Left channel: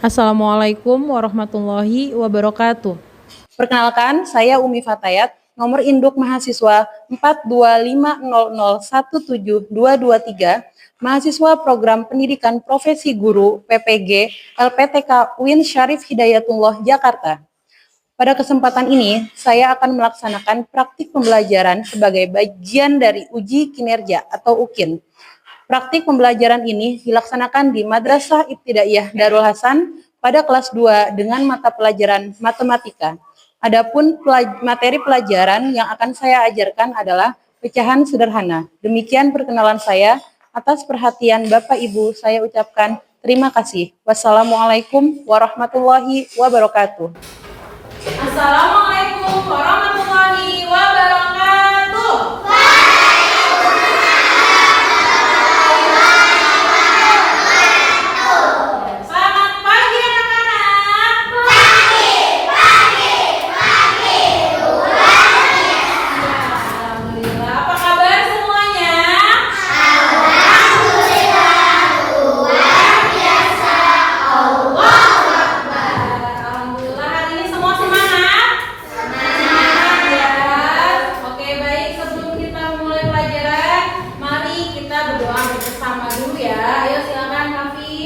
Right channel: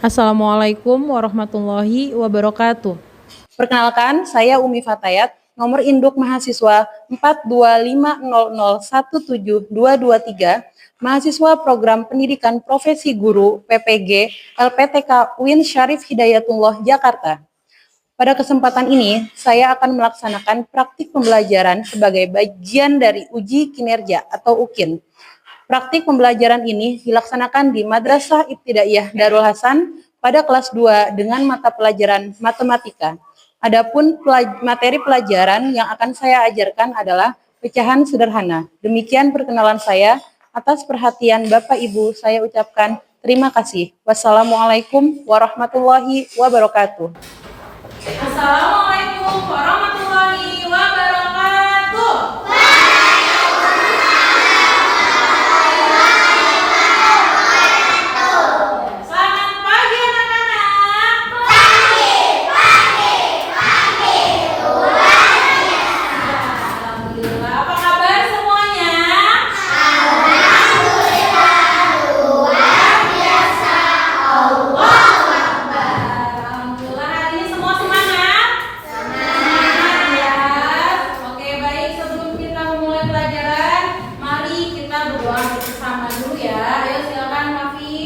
Assalamualaikum warahmatullahi wabarakatuh. Perkenalkan, saya Umi Fatayat, nomor induk mahasiswa 42500172223, mahasiswa program pendidikan profesi guru PPG LPTK UIN Syarif Hidayatullah Jakarta. Pada kesempatan ini, saya akan melaksanakan praktik pembelajaran sebagai bagian dari uji kinerja atau UKIN. Praktik pembelajaran ini dilaksanakan di Madrasah Ibtidaiyah Darul Hasan pada kelas 2 dengan mata pelajaran matematika. Adapun materi pelajaran yang akan saya ajarkan adalah pecahan sederhana. Demikian perkenalan saya. Atas perhatian Bapak Ibu, saya ucapkan terima kasih. Wassalamualaikum warahmatullahi wabarakatuh. Assalamualaikum warahmatullahi wabarakatuh. Selamat pagi anak-anak. Alhamdulillah. Apa kabar semuanya? Alhamdulillah, hari ini semua semangat? Semangat ya. Oke, baik, sebelum kita mulai pelajaran, mari kita berdoa bersama dulu ya. Ayo silakan Kafi.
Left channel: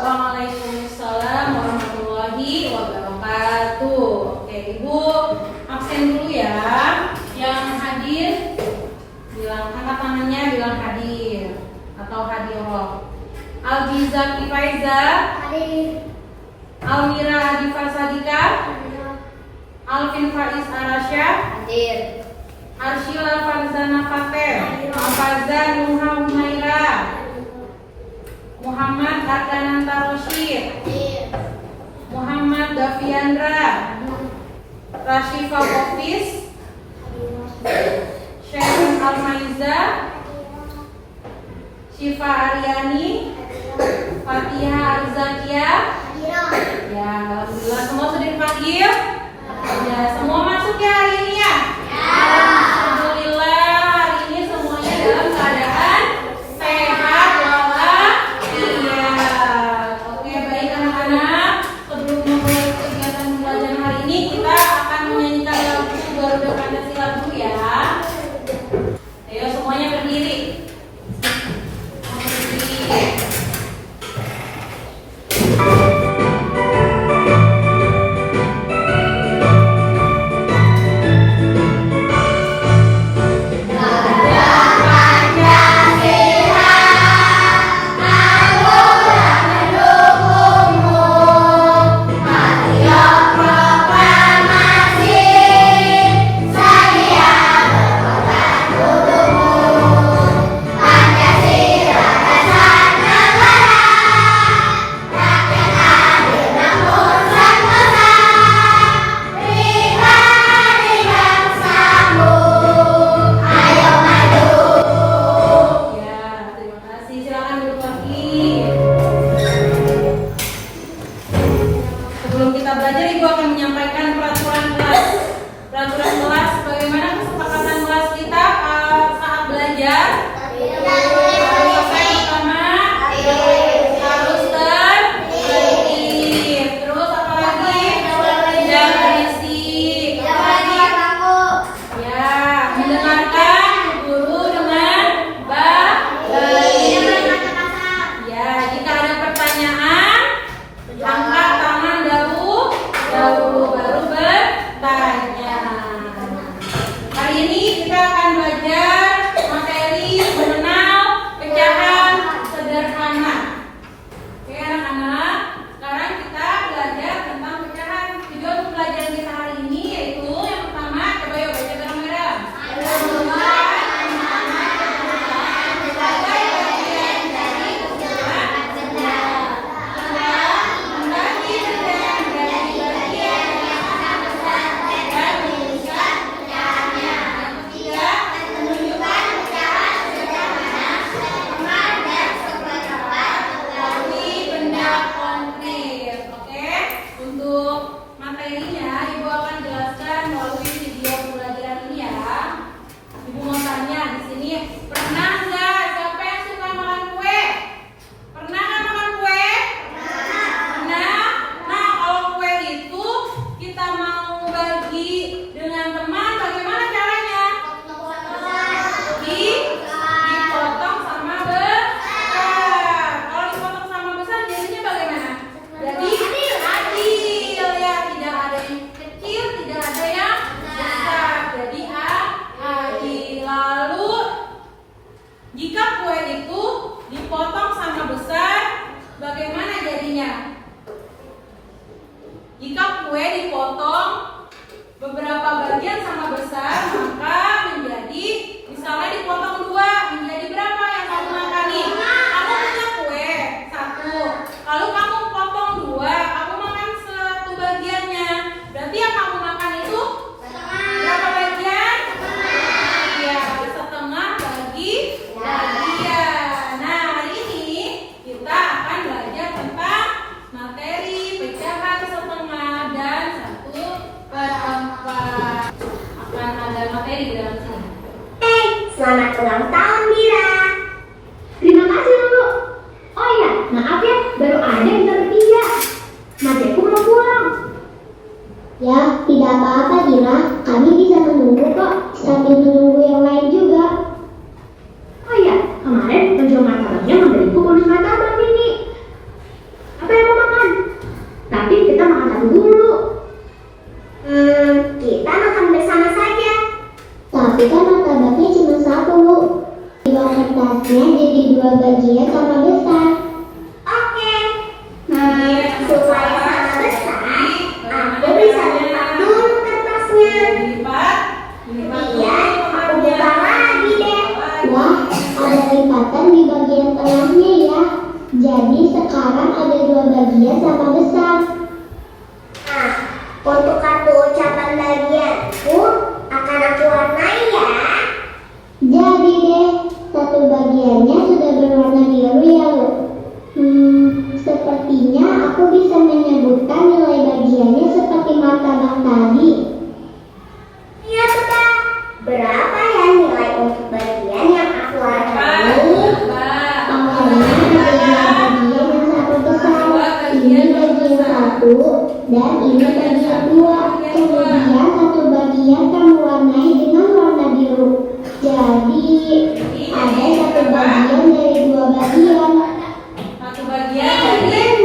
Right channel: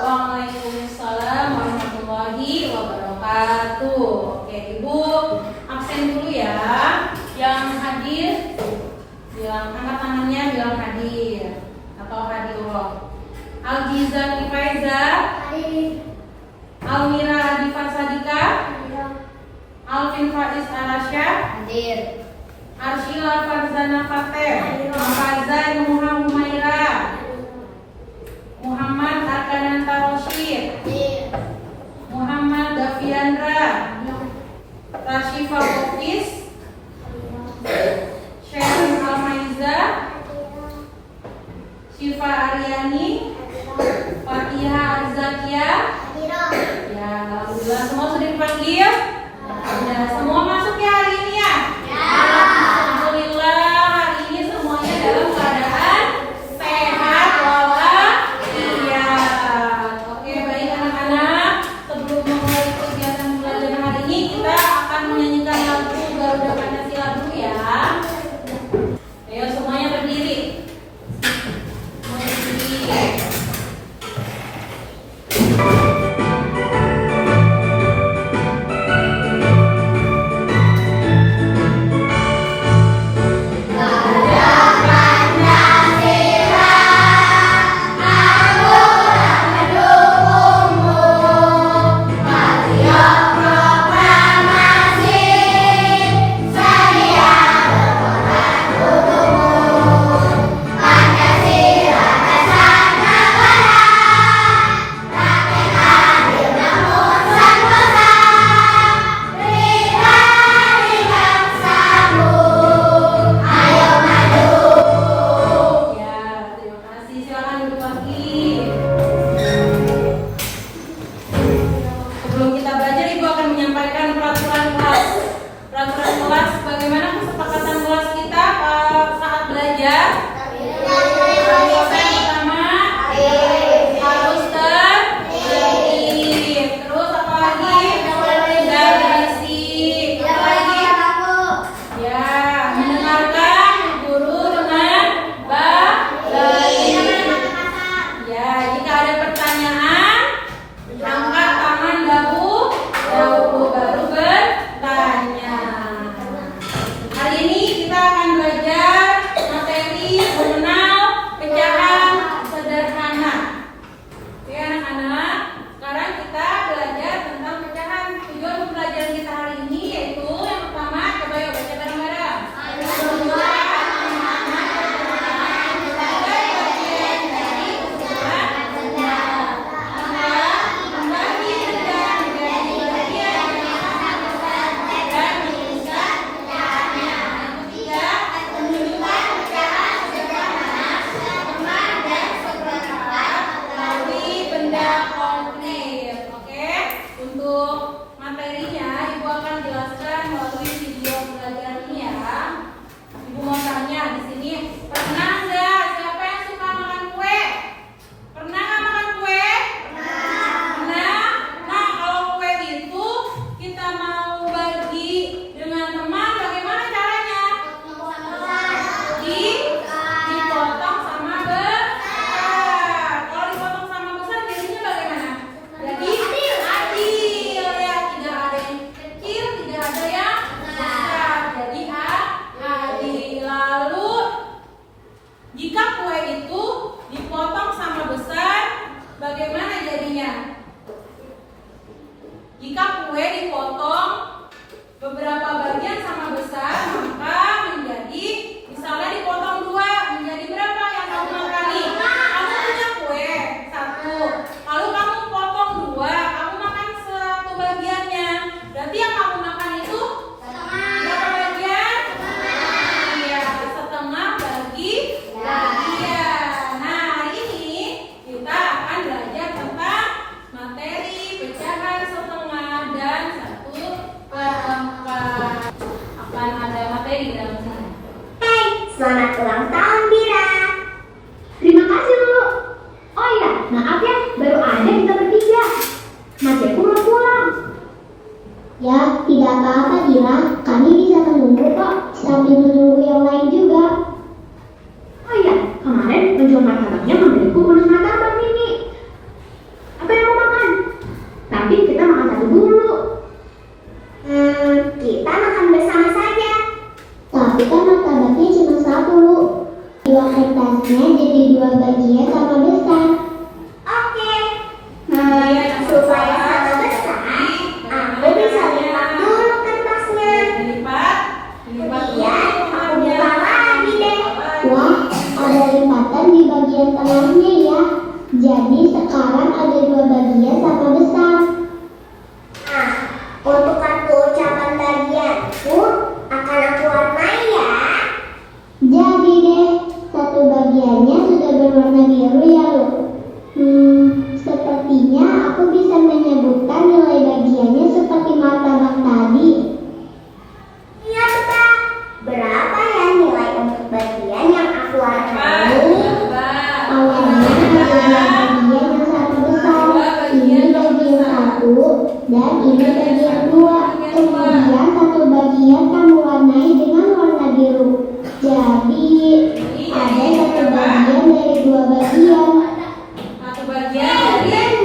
Waalaikumsalam warahmatullahi wabarakatuh. Oke, Ibu absen dulu ya. Yang hadir bilang, angkat tangannya, bilang hadir atau hadirullah. Aljiza Faiza, Almira Adifa Sadika, Alvin Faiz Arasya, Arshila Farzana Fatem, Afazan Nuha Humaira, Muhammad Arkananta Rosyid, Muhammad Dafiandra, Rashifa Kofis, Sharon Almaiza, Syifa Aryani, Fatihah Arzakia. Ya, alhamdulillah semua sudah dipanggil. Ya, semua masuk ya hari ini ya. Alhamdulillah hari ini semuanya dalam keadaan sehat walafiat. Oke, baik anak-anak. Sebelum memulai kegiatan belajar hari ini, kita akan menyanyikan lagu Garuda Pancasila dulu ya. Ayo semuanya berdiri. Berdiri. belajar? Harus apa yang pertama? Harus tertib. Terus apa lagi? Tidak berisik. Apa lagi? Ya, mendengarkan guru dengan baik. Ya, jika ada pertanyaan, angkat tangan dahulu baru bertanya. Hari ini kita akan belajar materi mengenal pecahan sederhana. Oke anak-anak, sekarang kita belajar tentang pecahan. Tujuan pembelajaran kita hari ini yaitu yang pertama, coba yuk baca bareng-bareng. Untuk materinya, Ibu akan jelaskan melalui video pembelajaran ini ya. Ibu mau tanya di sini, pernah nggak siapa yang suka makan kue? Pernah nggak makan kue? Pernah. Nah, kalau kue itu kita mau bagi dengan teman, bagaimana caranya? Dipotong sama besar. Kalau dipotong sama besar, jadinya bagaimana? Jadi adil ya, tidak ada yang kecil, tidak ada yang besar. Jadi adil. Lalu jika kue itu dipotong sama besar, bagaimana jadinya? Jika kue dipotong beberapa bagian sama besar, maka menjadi, misalnya dipotong 2, menjadi berapa yang kamu makan nih? Kamu punya kue 1, lalu kamu potong 2, kamu makan 1 bagiannya. Berarti yang kamu makan itu berapa bagian? Iya, setengah bagi bagian. Nah, hari ini kita akan belajar tentang materi pecahan setengah dan 1/4. Akan ada materi di dalam sini. Selamat ulang tahun, Mira. Terima kasih, Bu. Oh iya, maaf ya, baru ada kita bertiga. Mas Eko mau pulang. Ya, tidak apa-apa, Dira. Kami bisa menunggu kok, sambil menunggu yang lain juga. Oh iya, kemarin penjual martabaknya memberiku bonus martabak ini. Apa yang mau makan? Tapi kita makan satu dulu. Kita makan bersama saja. Tapi kan martabaknya cuma 1. Dua kertasnya jadi 2 bagian sama besar. Oke. Supaya sama besar, aku bisa lipat dulu kertasnya. Dilipat Iya, aku buka lagi deh. Wah, Wah, ada lipatan di bagian tengahnya ya. Jadi sekarang ada 2 bagian sama besar. Untuk kartu ucapan bagianku akan aku warnai ya. Jadi deh, 1 bagiannya sudah berwarna biru ya lo. Sepertinya aku bisa menyebutkan nilai bagiannya seperti martabak tadi. Iya betul. Berapa ya nilai untuk bagian yang aku warnai? Awalnya ada 2 bagian yang 1 besar. Ini bagian 1 dan ini bagian 2. Kemudian 1 bagian kamu warnai dengan warna biru. Jadi ada 1 bagian dari 2 bagian. 1 bagian dari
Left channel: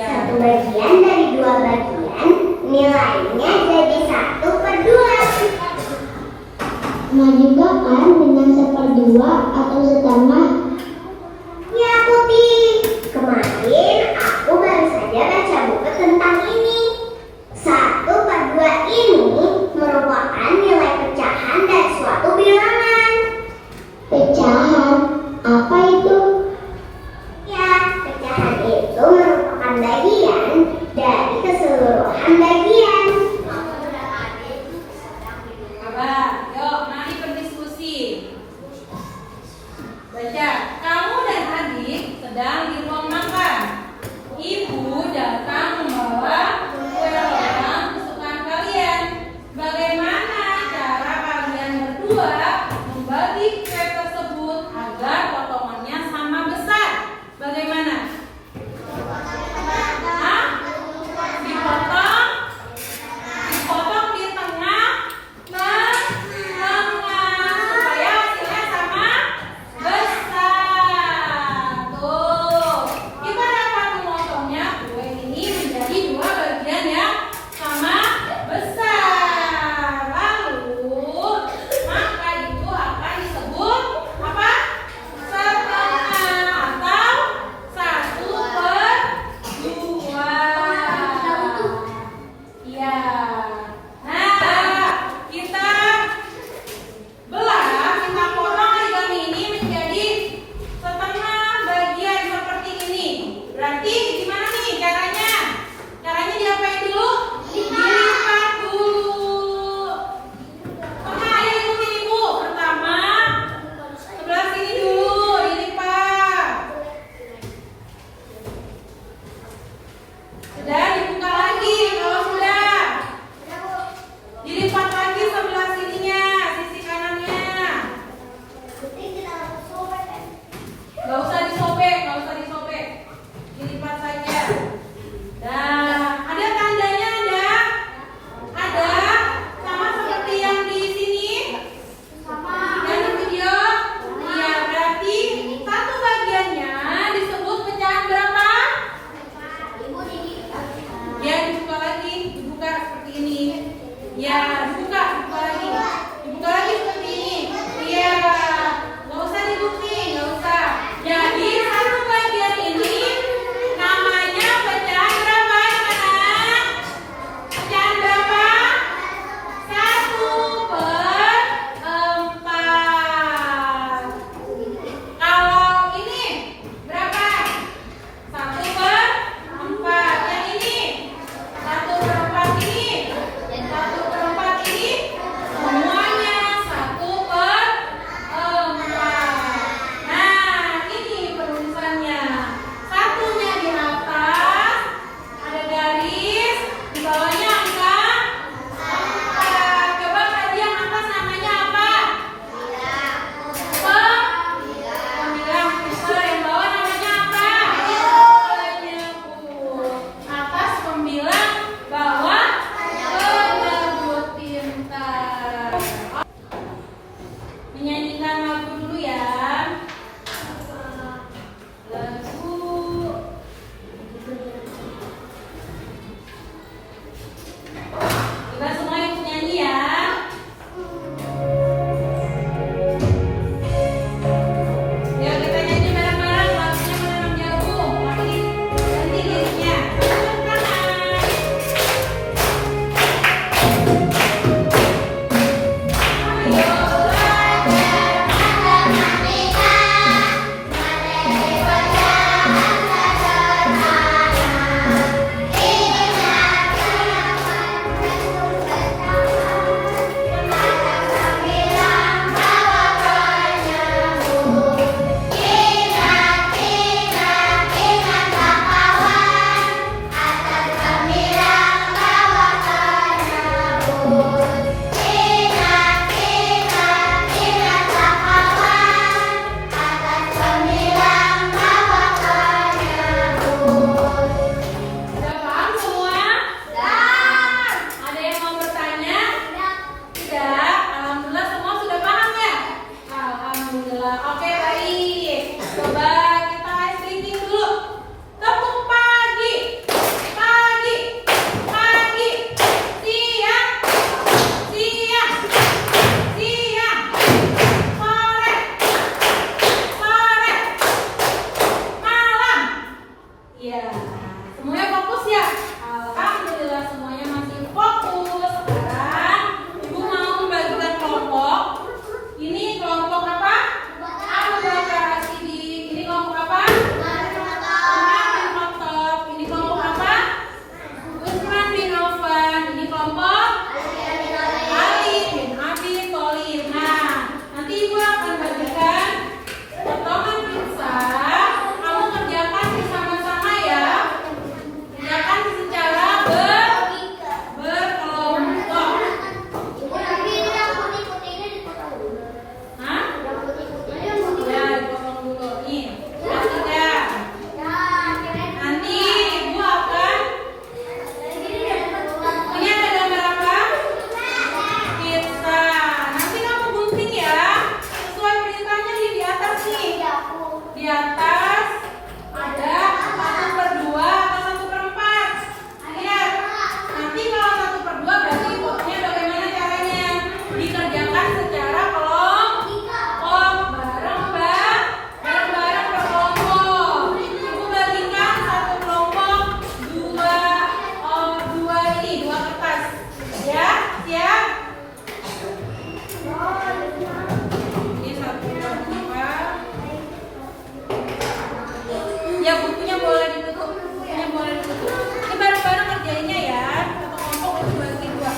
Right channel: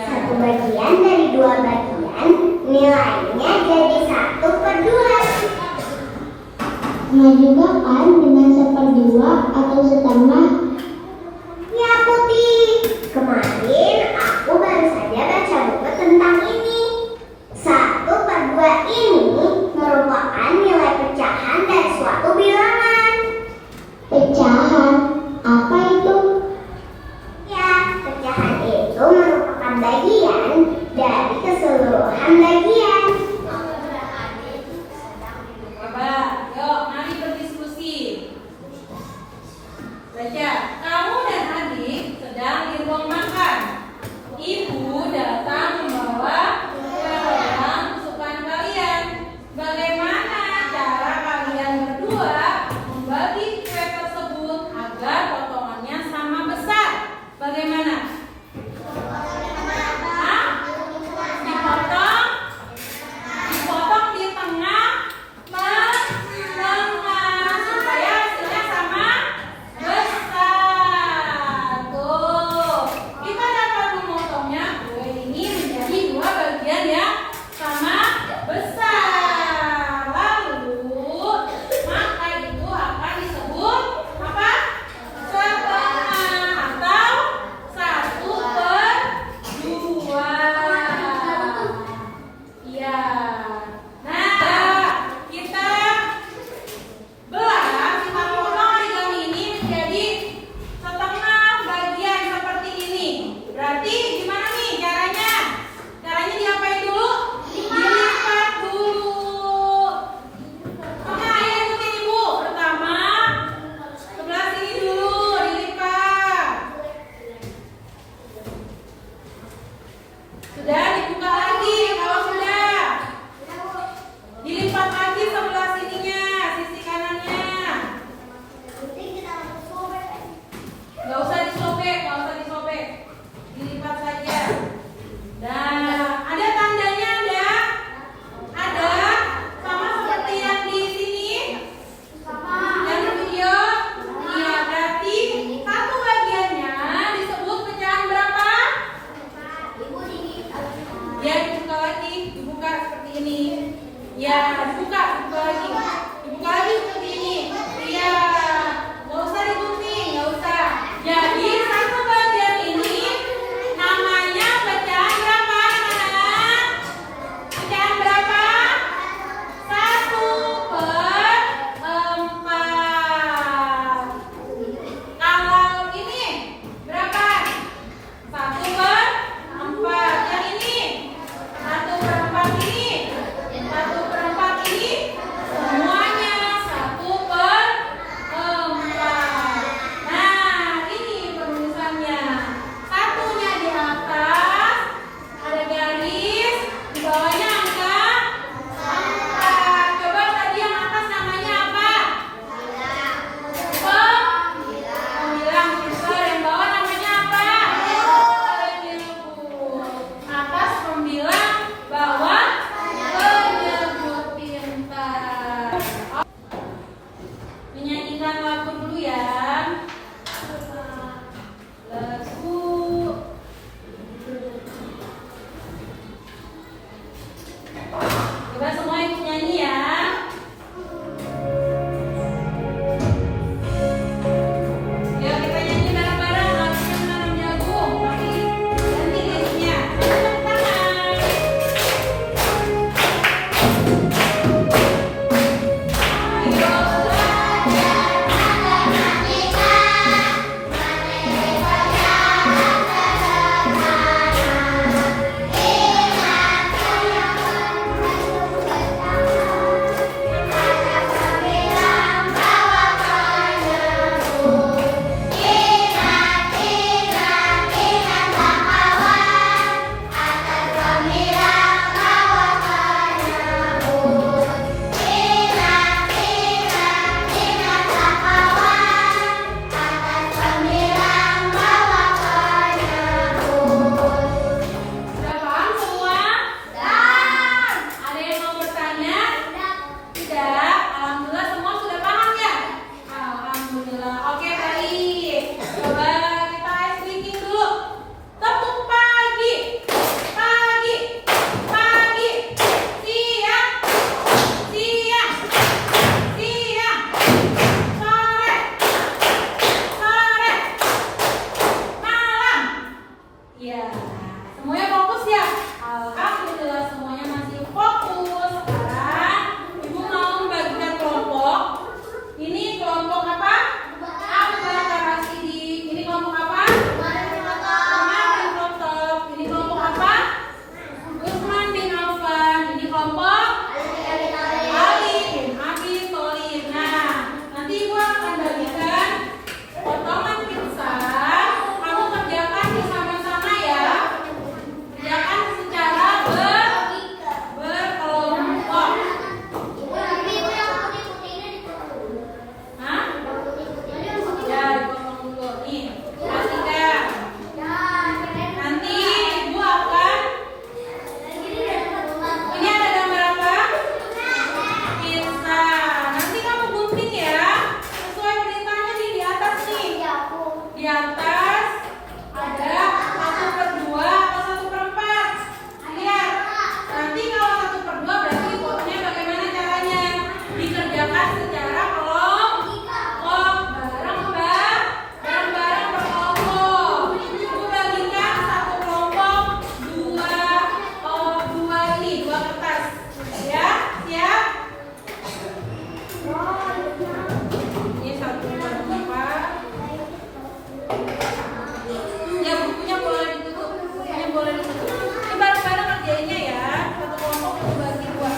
1 bagian dari 2 bagian, nilainya jadi 1/2. Nah juga kan dengan 1/2 atau setengah. Ya Putih, kemarin aku baru saja baca buku tentang ini. 1/2 ini merupakan nilai pecahan dari suatu bilangan. Pecahan? Apa itu? Ya, pecahan itu merupakan bagian dari keseluruhan bagian. Coba, yuk mari berdiskusi. Alhamdulillah. Oke, baik. Coba kita ice breaking dulu. Tepuk pagi. Pagi. Pagi. Siang. Siang. Siang. Sore. Sore. Malam. Iya. Semuanya fokus ya? Alhamdulillah semuanya masih fokus. Sekarang Ibu mau membagikan kelompok. Ini kelompok apa? Abu Bakar As-Siddiq. Ini kelompok apa? Umar bin Khattab. Ini kelompok apa? Utsman bin Affan. Ini kelompok Ali bin Abi Thalib. Nah, nanti Ibu akan bagikan potongan pizza. Kamu kerjakan bersama-sama ya. Kerjakan secara berkelompok. Hah? Ya, dipotong dulu. Nih, kelas 3. Nanti Ibu akan ini ada gambar apa? Pizza. Nanti kamu gunting ya. Sesuai perintahnya nih di atas nih. Di atas ada 1/2 atau 1/4. Lihat. Nanti kalau 1/2 berarti potnya bagaimana caranya? Dikerjakan secara kelompok. Bareng-bareng berkelompok. Ibu bagikan satu kelompok dua kertas. Ya, siap? Ini 1/4. Ya, bukunya boleh ditutup. Bukunya boleh ditutup. Ini bareng-bareng kerjainnya ya. Satu kelompok dibagi 2.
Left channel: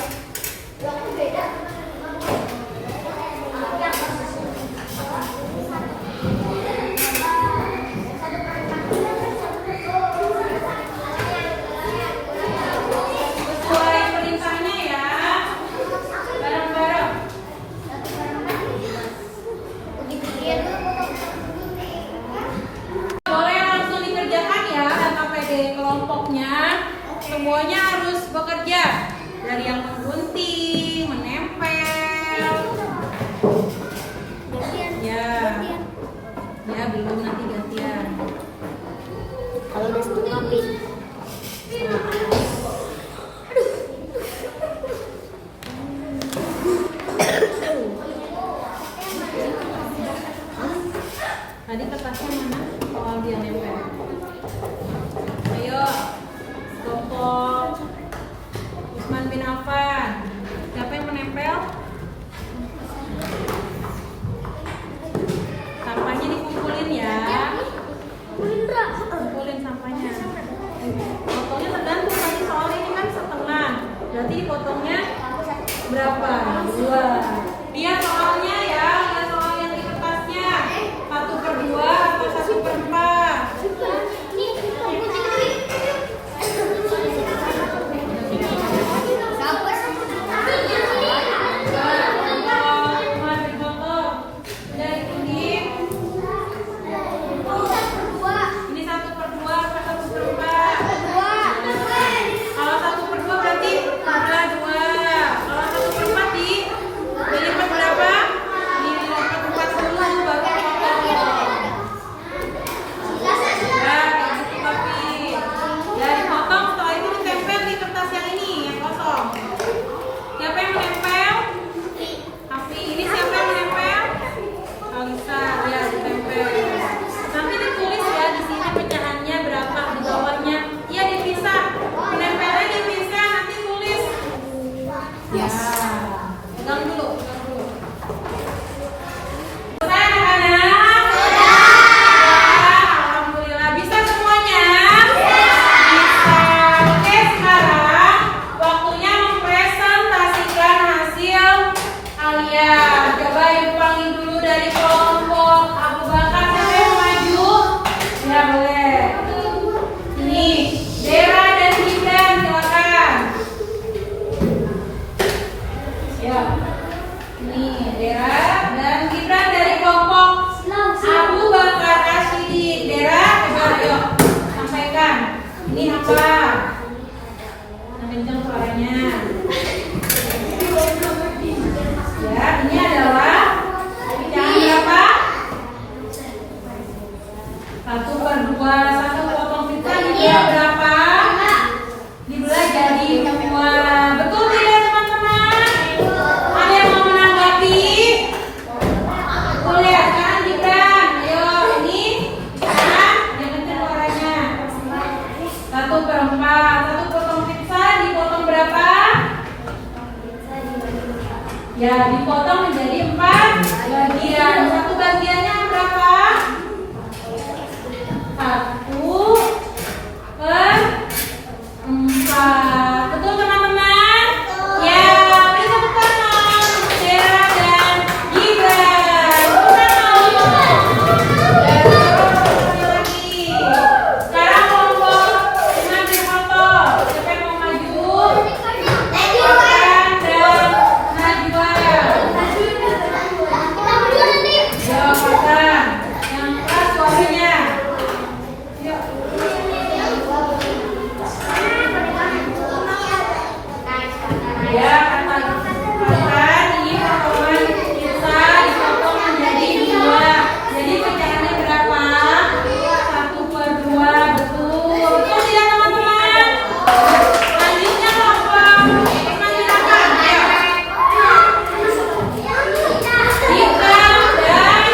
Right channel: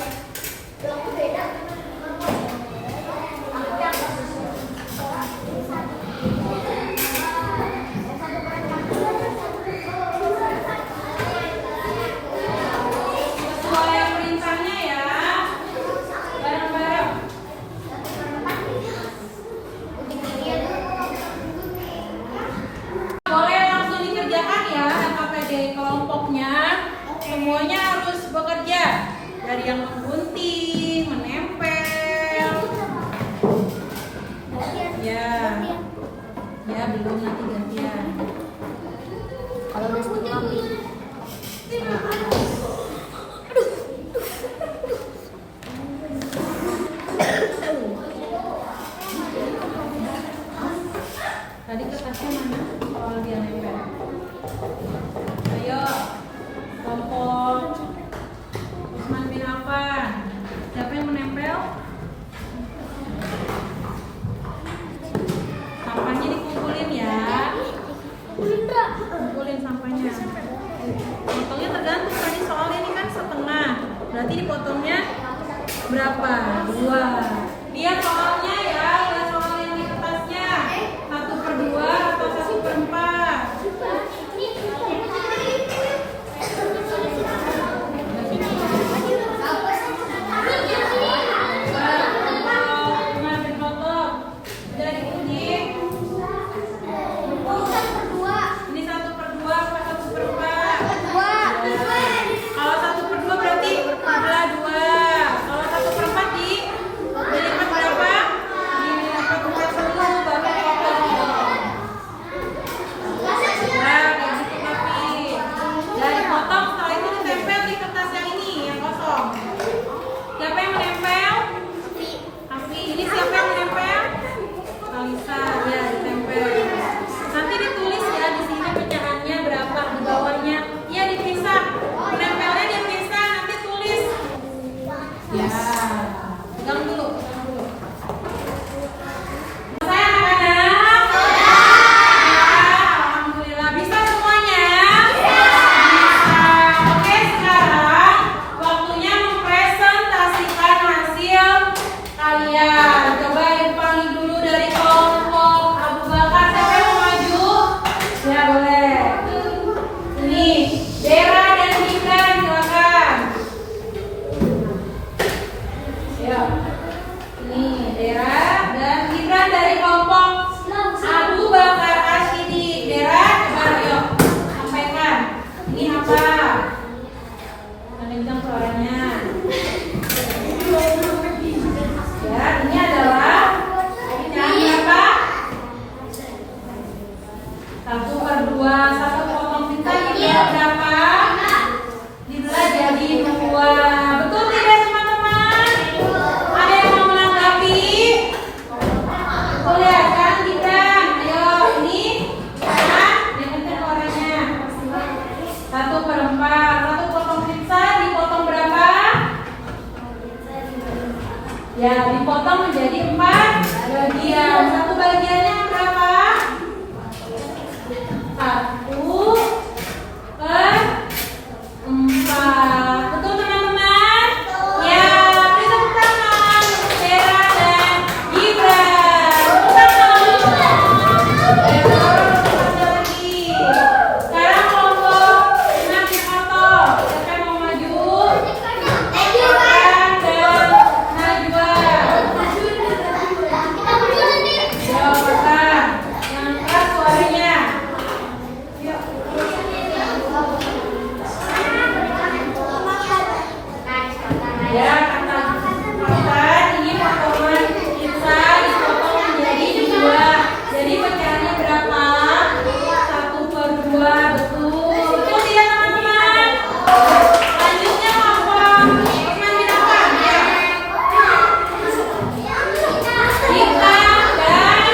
Sesuai perintahnya ya. Bareng-bareng. Boleh langsung dikerjakan ya KPD kelompoknya. Semuanya harus bekerja. Dari yang menggunting, menempel. Ya. Ya, belum, nanti gantian. Kalau udah setengah habis. Tadi kertasnya mana? Soal dia nempel. Ayo, kelompok Utsman bin Affan. Siapa yang menempel? Sampahnya dikumpulin ya. Kumpulin sampahnya. Potongnya tergantung tadi soalnya ini kan setengah. Berarti dipotongnya berapa? 2. Lihat soalnya ya, lihat soal yang di kertasnya. 1/2 atau 1/4. Ini 1/2 atau 1/4. Kalau 1/2 berarti belah 2. Kalau 1/4 dilipat berapa? Dilipat 40 baru potong. Nah, kayak gitu tapi. Dari potong setelah itu ditempel di kertas yang ini yang kosong. Siapa yang menempel? Afi. Ini siapa yang menempel? Alisa. Ya, ditempel. Nanti ditulis ya di sini pecahannya berapa di bawahnya. Ya, dipisah. Menempelnya dipisah, nanti tulis. Ya. Pegang dulu, pegang dulu. Selesai anak-anak? Alhamdulillah. Bisa semuanya? Bisa. Oke, sekarang waktunya mempresentasikan hasil kalian. Coba Ibu panggil dulu dari kelompok Abu Bakar. Siapa yang mau maju? Ya, boleh. dua. Satu potong pizza dibelah berapa? Dibelah jadi dua. Betul tidak teman-teman? Ada yang mau menanggapi? Betul ya kan Gibran? Ayo ini sekarang yang penting orangnya. 1/4. Satu potong pizza dipotong berapa? Ya, dipotong menjadi 4 bagian. Satu bagiannya berapa? 1/4. Betul teman-teman? Ya, beri tepuk tangan untuk Dera dan Gibran. Tepuk tangan. Dan selanjutnya lagi. Sekarang kelompok mengambil foto. Siapa yang mau maju? Gibran dan Najwa. Jawab pasan. Yang keras suaranya. Ya, kata ini potongan pizza dipotong menjadi 2. Jadi pecahannya berapa? 1/2. Betul. Betul tidak teman-teman? Selanjutnya kelompok menyenangkan. Ayo. Dika dan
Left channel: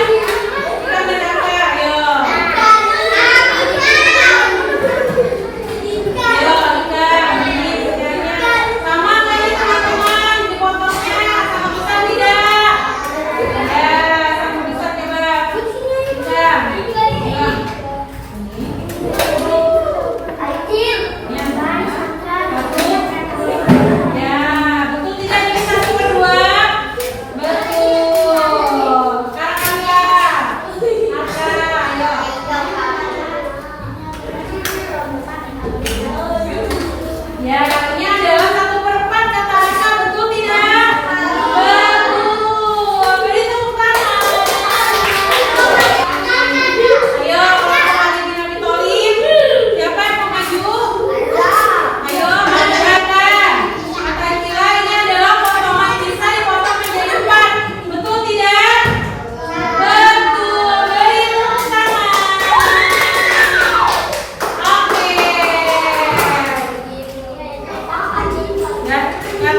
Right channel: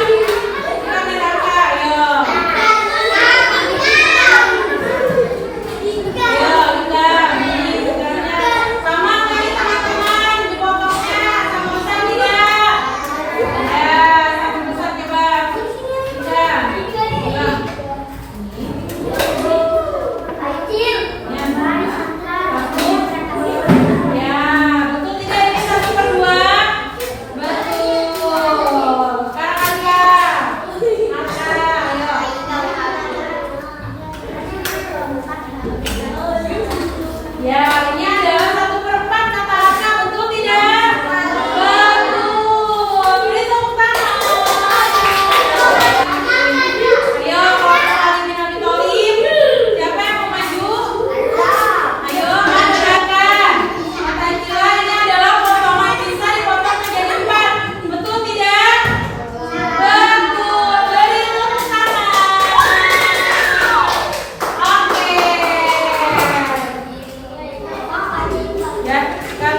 Menaka. Ayo. Ayo, Dika. Ini pecahannya sama kayak teman-teman. Dipotongnya sama besar tidak? Ya, sama besar coba. Bisa. Coba. Ya, betul tidak ini 1/2? Betul. Sekarang Angga. Ayo. Ya, ini adalah 1/4 kata Angga. Betul tidak? Betul. Beri tepuk tangan. Ayo, kelompok Alifin Abitolim. Siapa yang mau maju? Ayo, kerjakan. Kata istilah ini adalah potongan pizza dipotong menjadi 4. Betul tidak? Betul. Beri tepuk tangan. Oke. Ya, kan?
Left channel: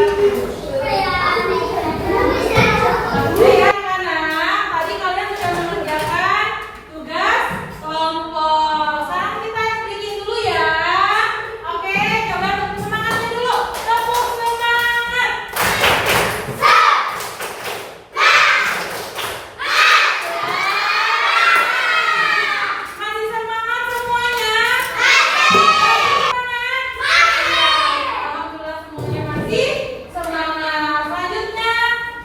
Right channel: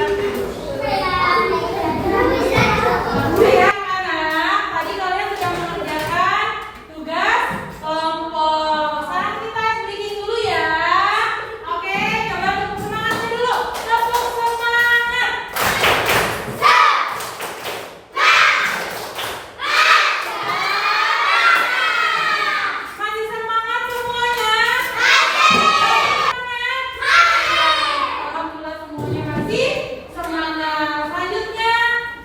Oke ya, anak. Tadi kalian sudah mengerjakan tugas kelompok. Sekarang kita speaking dulu ya. Oke, coba tepuk semangatnya dulu. Tepuk semangat. Masih semangat semuanya? Alhamdulillah semuanya masih semangat. Selanjutnya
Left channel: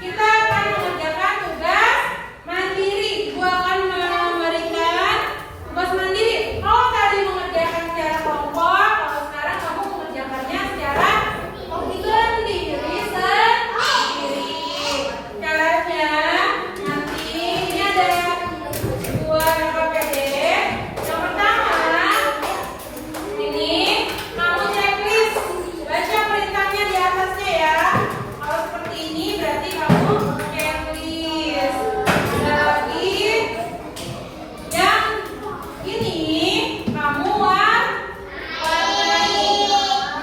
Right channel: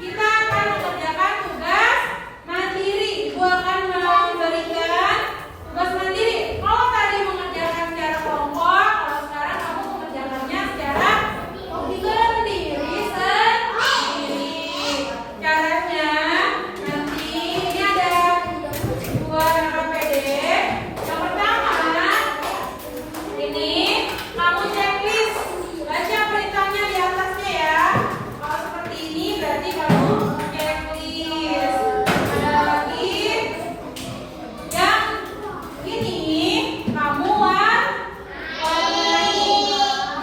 kita akan mengerjakan tugas mandiri. Ibu akan memberikan tugas mandiri. Kalau tadi mengerjakan secara kelompok, kalau sekarang kamu mengerjakannya secara sendiri. Caranya nanti ini ada 2 RPD. Yang pertama, ini kamu checklist, baca perintahnya di atasnya ya. Kalau seperti ini berarti kamu checklist. Ada lagi yang ini kamu warnai.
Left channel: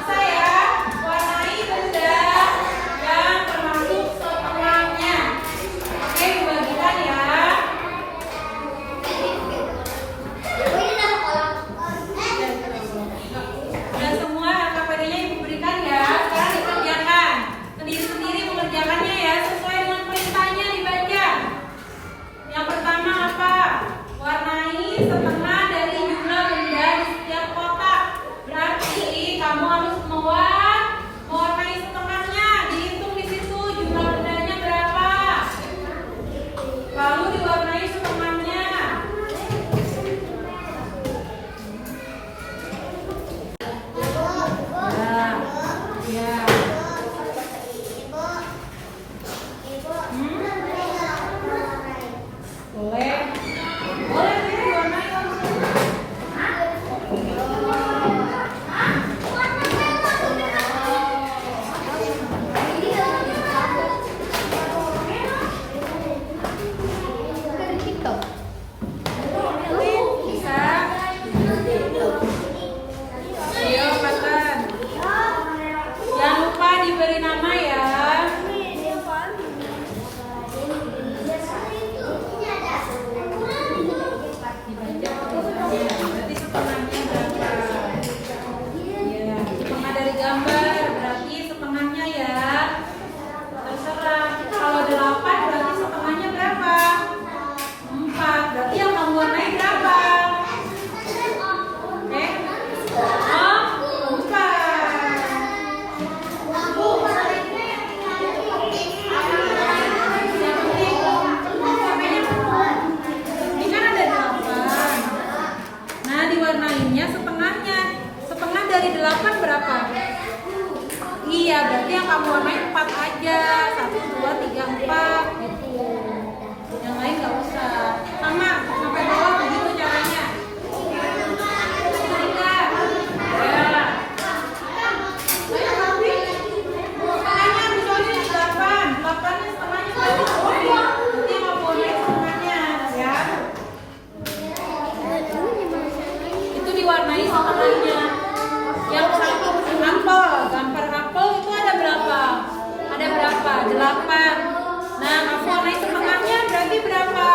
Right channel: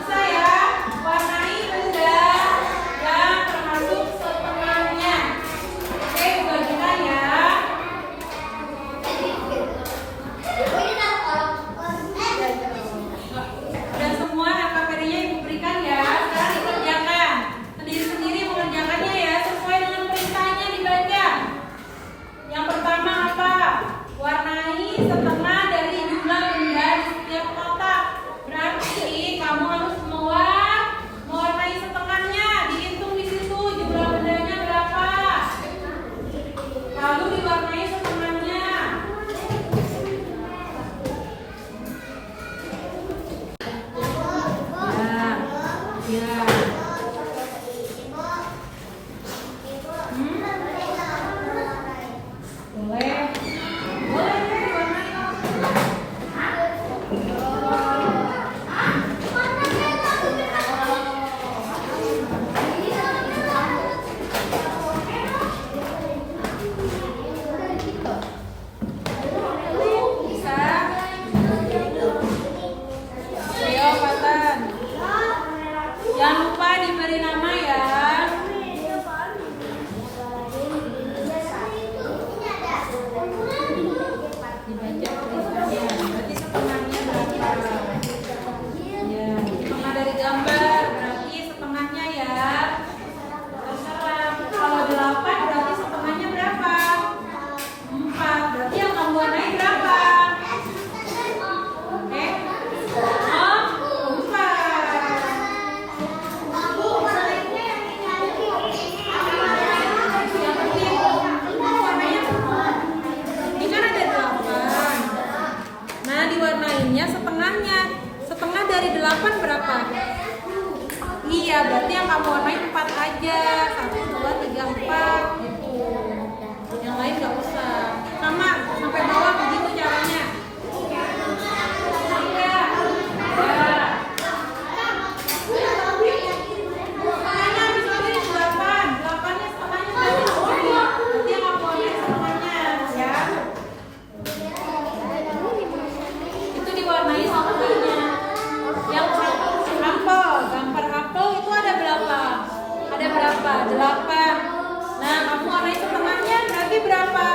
Bisa ya, warnai benda yang termasuk setengahnya. Oke, dibagikan ya. Dan semua LKPD-nya ibu berikan ya. Sekarang dikerjakan. Sendiri-sendiri mengerjakannya ya, sesuai dengan perintahnya dibaca. Yang pertama apa? Warnai setengah dari jumlah benda di setiap kotak. Berarti kamu harus mewarnai setengahnya. Dihitung di situ jumlah bendanya berapa. Lalu diwarnai setengahnya. Ya. Boleh. Boleh deh, warnai. Warnai setengahnya berarti berapa?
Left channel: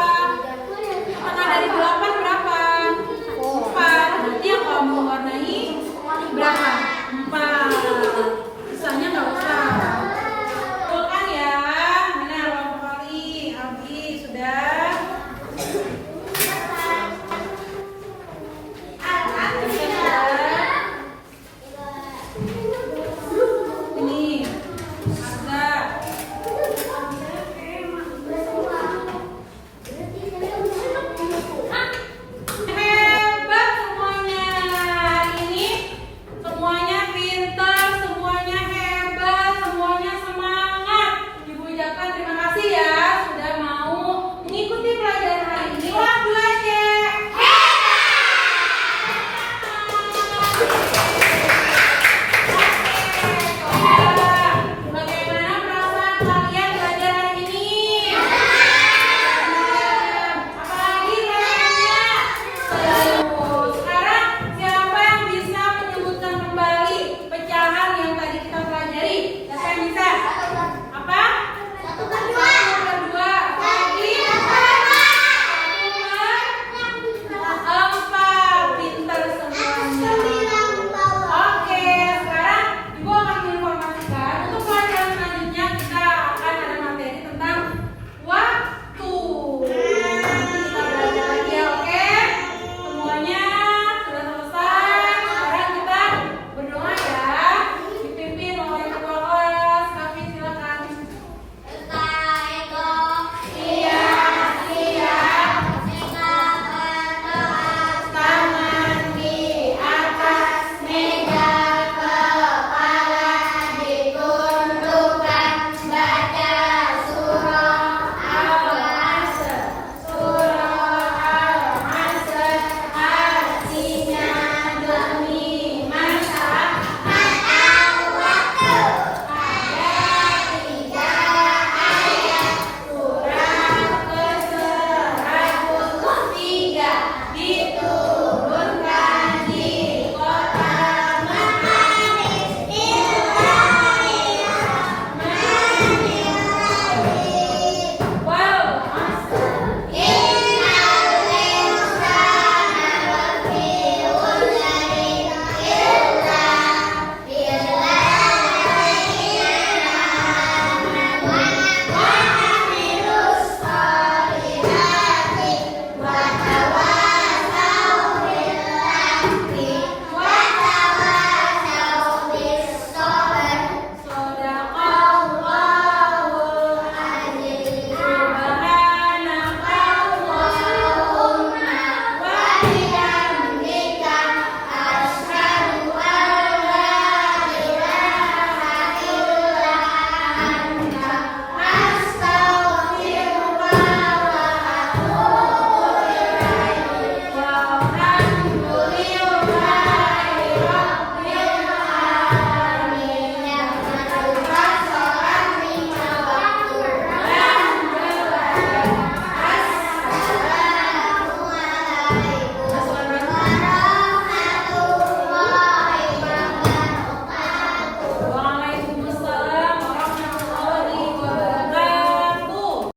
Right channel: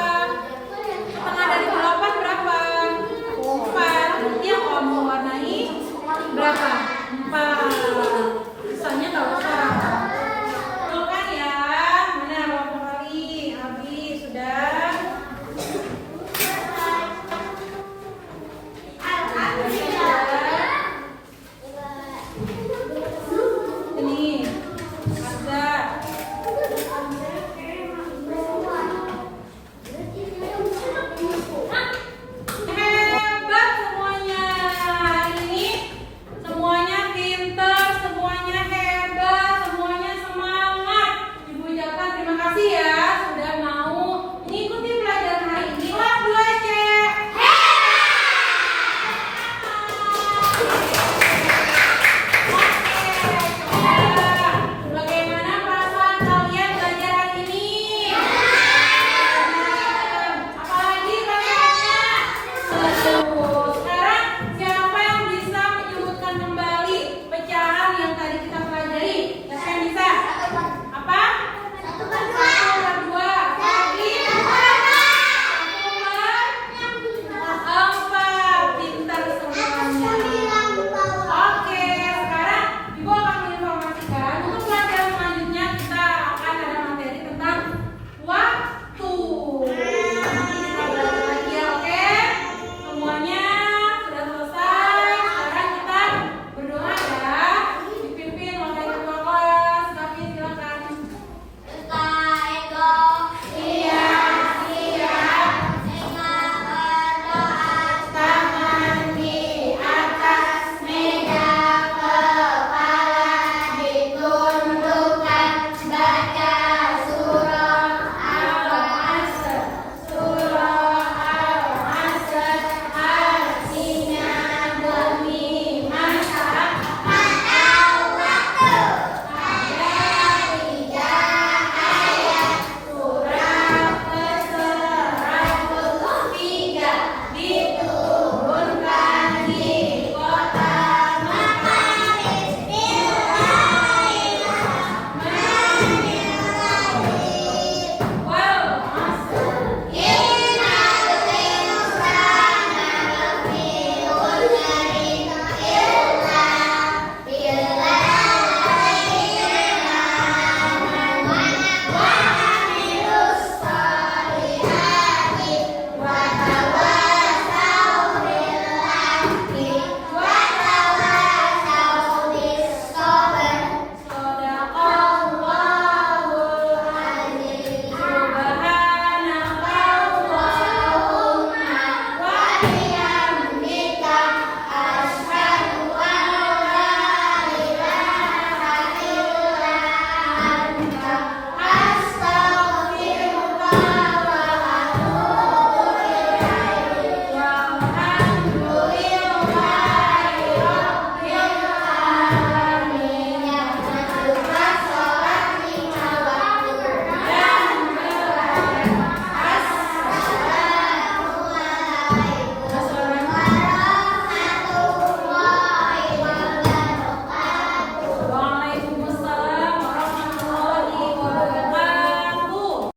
Setengah dari 8 berapa? 4. Berarti yang kamu warnai berapa? 4. Sisanya nggak usah.